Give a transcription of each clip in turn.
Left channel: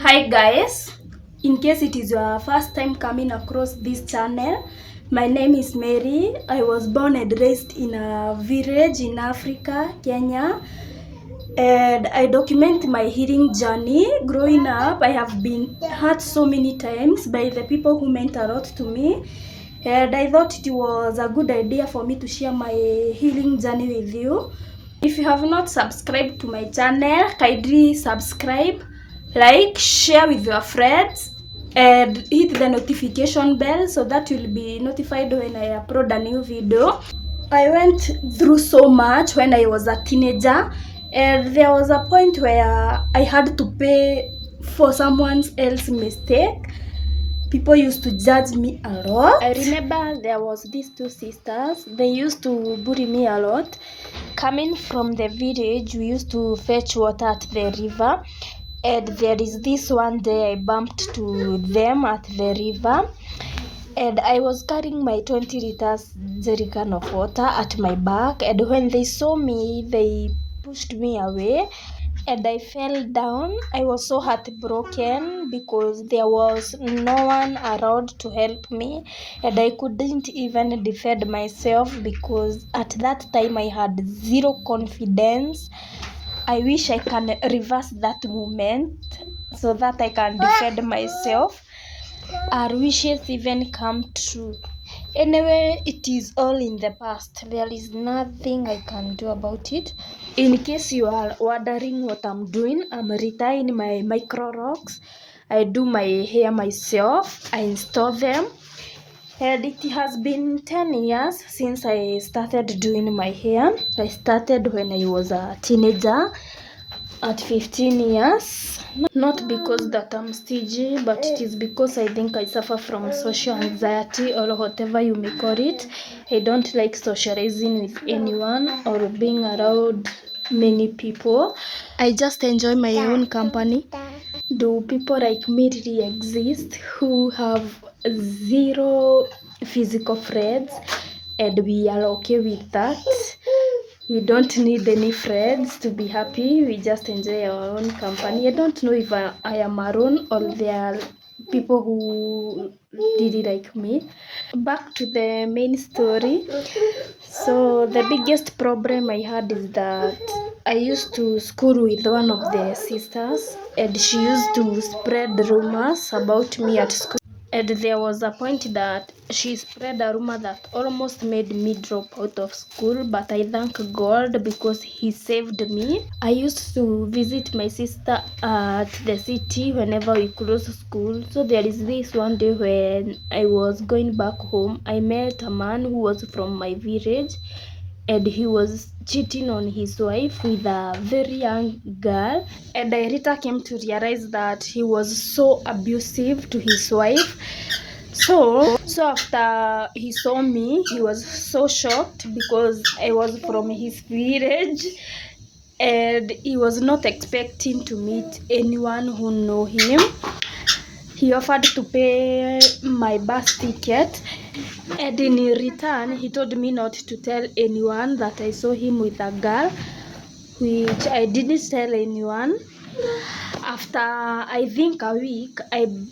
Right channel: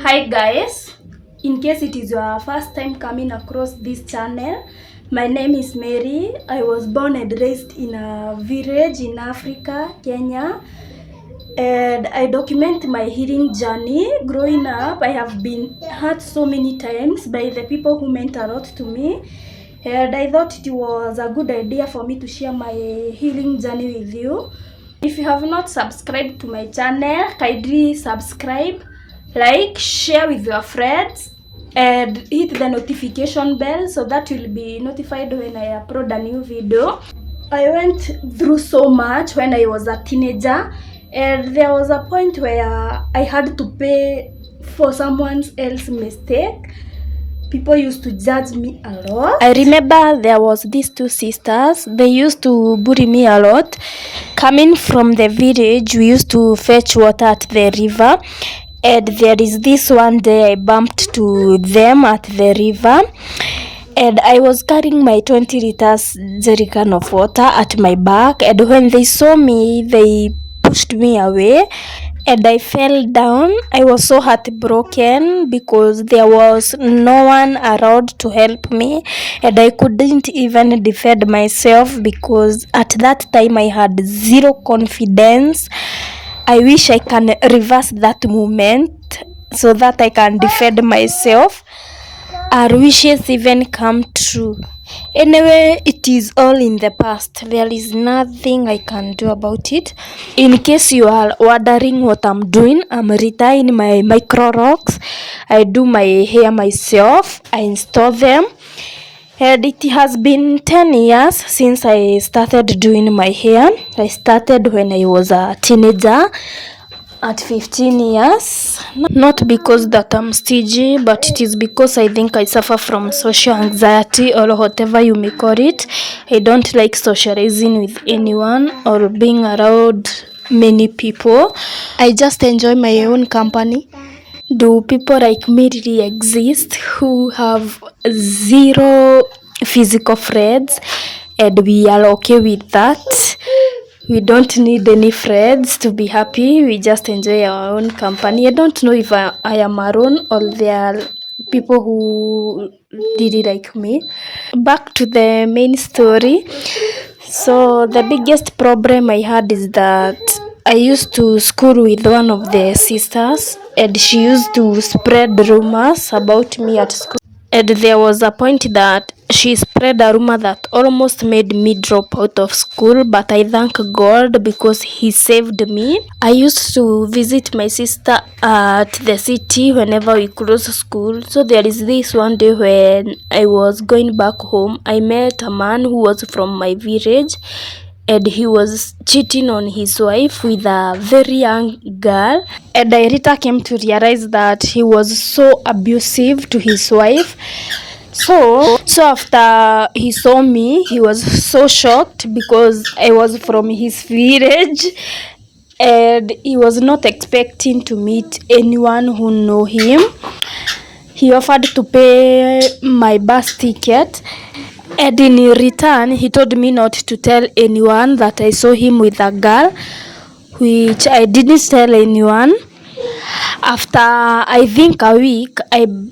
Hi guys, in case it is your first time coming across this channel, my name is Mary. I was born and raised in a village in Africa, Kenya, and I document my healing journey. Growing up, I have been hurt so many times by the people who meant a lot to me, and I thought it was a good idea for me to share my healing journey with you. If you have not subscribed to my channel, kindly subscribe, like, share with your friends, and hit the notification bell so that you'll be notified when I upload a new video. I went through so much when I was a teenager, and there was a point where I had to pay for someone else's mistake. People used to judge me a lot. I remember there was these two sisters. They used to bully me a lot. Coming from the village, we used to fetch water at the river. And there is this one day I bumped to them at the river. And I was carrying my 20 liters jerrycan of water at my back. And when they saw me, they pushed me away. And I fell down. I was so heartbroken because there was no one around to help me, and I couldn't even defend myself because at that time I had zero confidence. I wish I can reverse that moment so that I can defend myself. Our wishes even come true. Anyway, it is all in the past. There is nothing I can do about it. In case you are wondering what I'm doing, I'm retying my micro rocks. I do my hair myself. I install them. And it has been 10 years since I started doing my hair. I started when I was a teenager at 15 years. Not because that I'm stingy, but it is because I think I suffer from social anxiety or whatever you may call it. I don't like socializing with anyone or being around many people. I just enjoy my own company. Do people like me really exist who have zero physical friends, and we are okay with that? We don't need any friends to be happy. We just enjoy our own company. I don't know if I am alone or there are people who really like me. Back to the main story. So the biggest problem I had is that I used to school with one of the sisters, and she used to spread rumors about me at school. And there was a point that she spread a rumor that almost made me drop out of school, but I thank God because He saved me. I used to visit my sister at the city whenever we close school. So there is this one day when I was going back home, I met a man who was from my village, and he was cheating on his wife with a very young girl. And I later came to realize that he was so abusive to his wife. So after he saw me, he was so shocked because I was from his village, and he was not expecting to meet anyone who know him. He offered to pay my bus ticket, and in return, he told me not to tell anyone that I saw him with a girl, which I didn't tell anyone. After I think a week,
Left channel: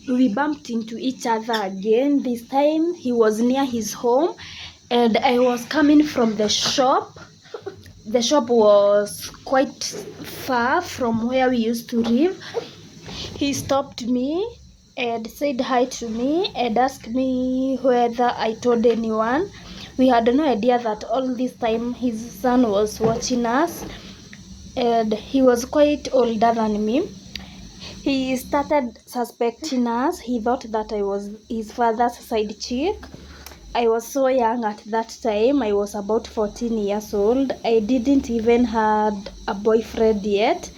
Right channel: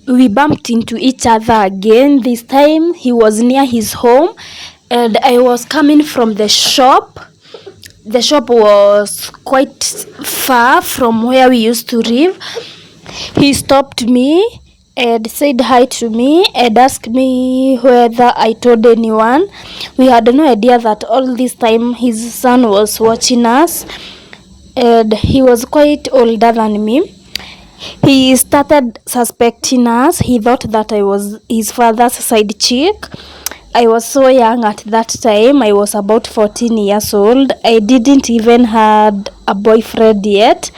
we bumped into each other again. This time, he was near his home, and I was coming from the shop. The shop was quite far from where we used to live. He stopped me and said hi to me and asked me whether I told anyone. We had no idea that all this time his son was watching us, and he was quite older than me. He started suspecting us. He thought that I was his father's side chick. I was so young at that time. I was about 14 years old. I didn't even had a boyfriend yet.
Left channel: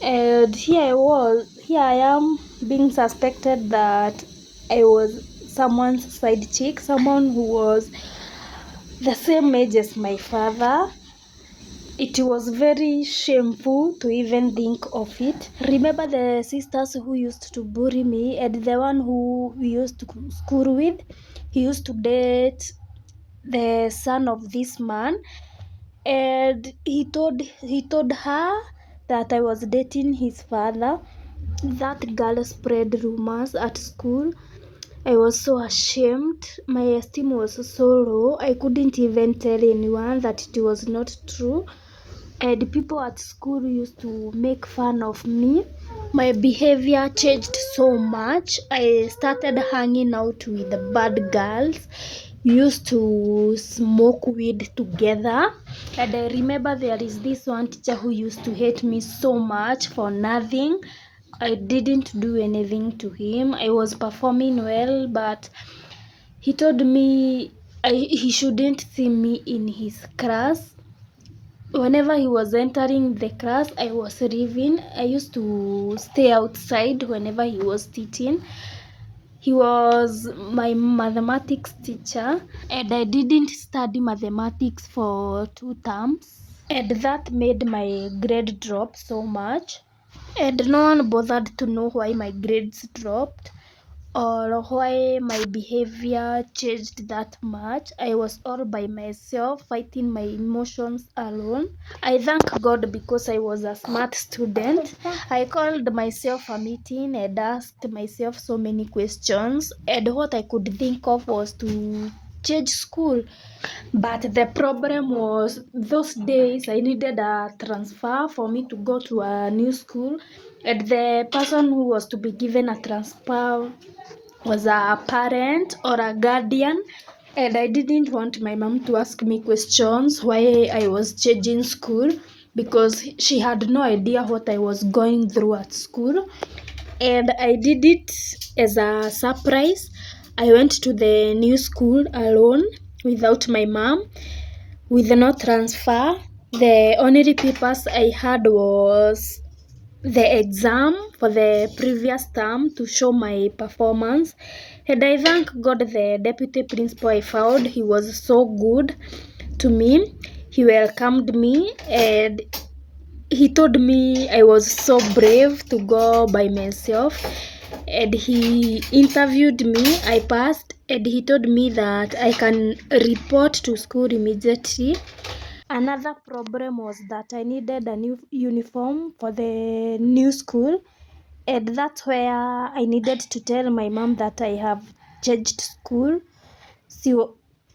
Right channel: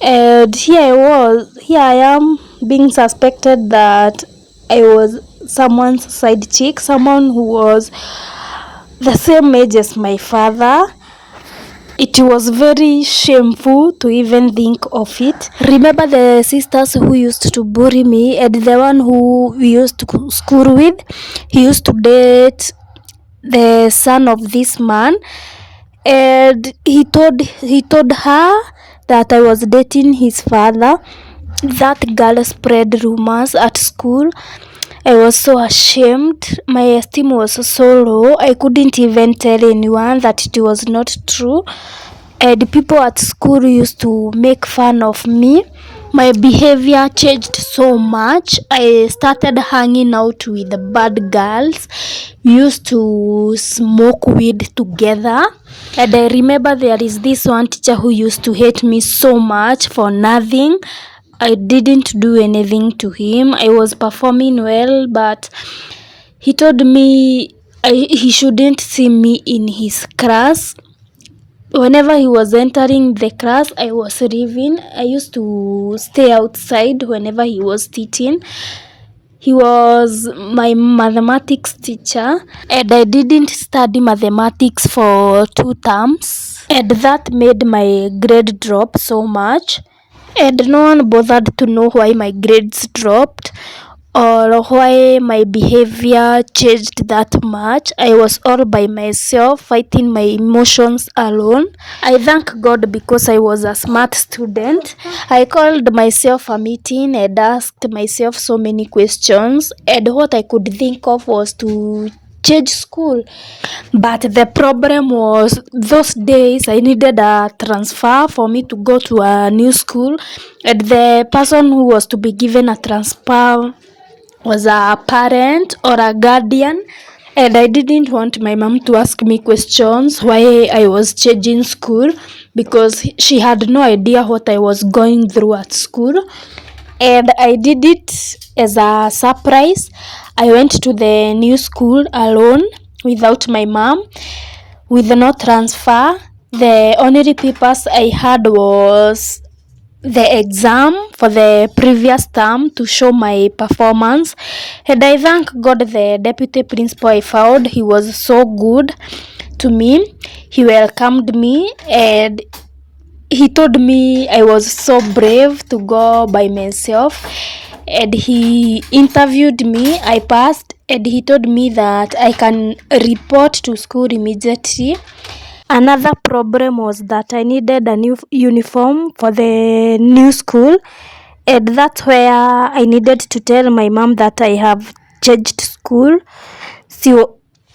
And here I am being suspected that I was someone's side chick, someone who was the same age as my father. It was very shameful to even think of it. Remember the sisters who used to bully me and the one who we used to school with? He used to date the son of this man, and he told her that I was dating his father. That girl spread rumors at school. I was so ashamed. My esteem was so low. I couldn't even tell anyone that it was not true. And people at school used to make fun of me. My behavior changed so much. I started hanging out with the bad girls. We used to smoke weed together. And I remember there is this one teacher who used to hate me so much for nothing. I didn't do anything to him. I was performing well, but he told me he shouldn't see me in his class. Whenever he was entering the class, I was leaving. I used to stay outside whenever he was teaching. He was my mathematics teacher, and I didn't study mathematics for 2 terms, and that made my grade drop so much. And no one bothered to know why my grades dropped or why my behavior changed that much. I was all by myself, fighting my emotions alone. I thank God because I was a smart student. I called myself a meeting and asked myself so many questions, and what I could think of was to change school. But the problem was those days I needed a transfer for me to go to a new school, and the person who was to be given a transfer was a parent or a guardian, and I didn't want my mom to ask me questions why I was changing school, because she had no idea what I was going through at school. And I did it as a surprise. I went to the new school alone without my mom, with no transfer. The only papers I had was the exam for the previous term to show my performance. And I thank God the deputy principal I found. He was so good to me. He welcomed me and he told me I was so brave to go by myself, and he interviewed me. I passed, and he told me that I can report to school immediately. Another problem was that I needed a new uniform for the new school, and that's where I needed to tell my mom that I have changed school.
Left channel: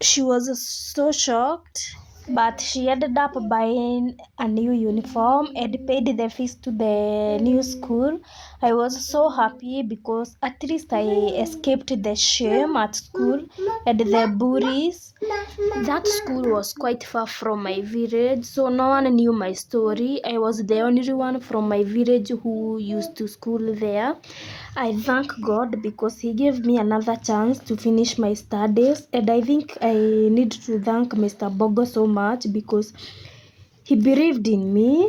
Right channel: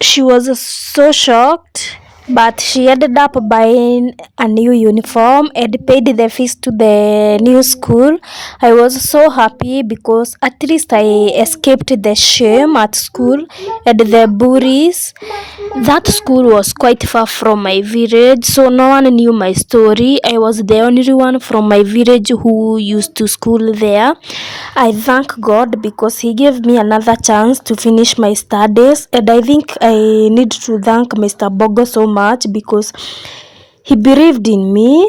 She was so shocked, but she ended up buying a new uniform and paid the fees to the new school. I was so happy because at least I escaped the shame at school and the bullies. That school was quite far from my village, so no one knew my story. I was the only one from my village who used to school there. I thank God because He gave me another chance to finish my studies, and I think I need to thank Mr. Bogo so much because he believed in me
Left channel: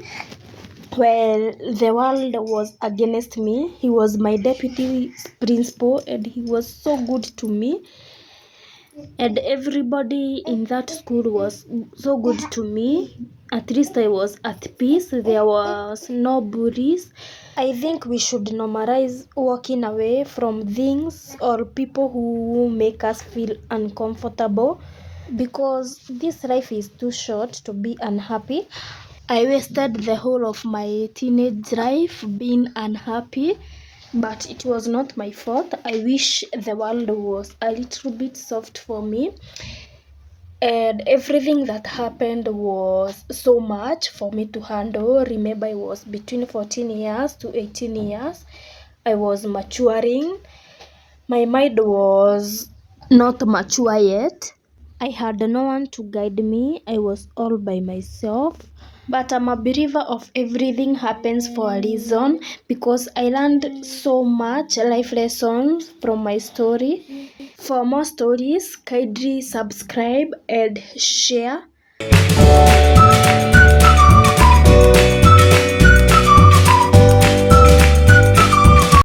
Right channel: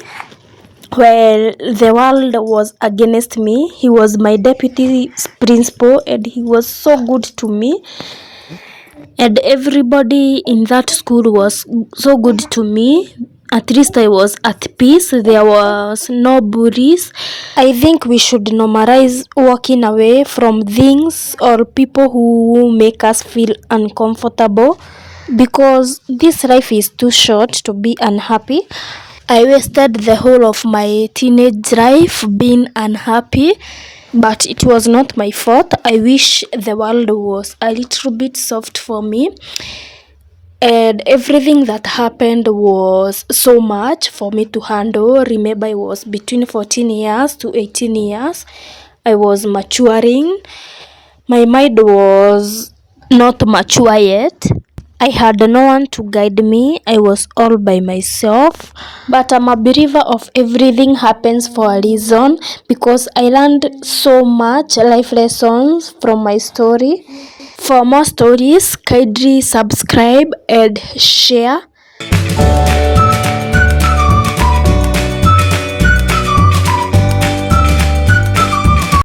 while the world was against me. He was my deputy principal and he was so good to me. And everybody in that school was so good to me. At least I was at peace. There was no bullies. I think we should normalize walking away from things or people who make us feel uncomfortable, because this life is too short to be unhappy. I wasted the whole of my teenage life being unhappy, but it was not my fault. I wish the world was a little bit soft for me. And everything that happened was so much for me to handle. Remember, I was between 14 years to 18 years. I was maturing. My mind was not mature yet. I had no one to guide me. I was all by myself. But I'm a believer of everything happens for a reason, because I learned so much life lessons from my story. For more stories, kindly subscribe and share.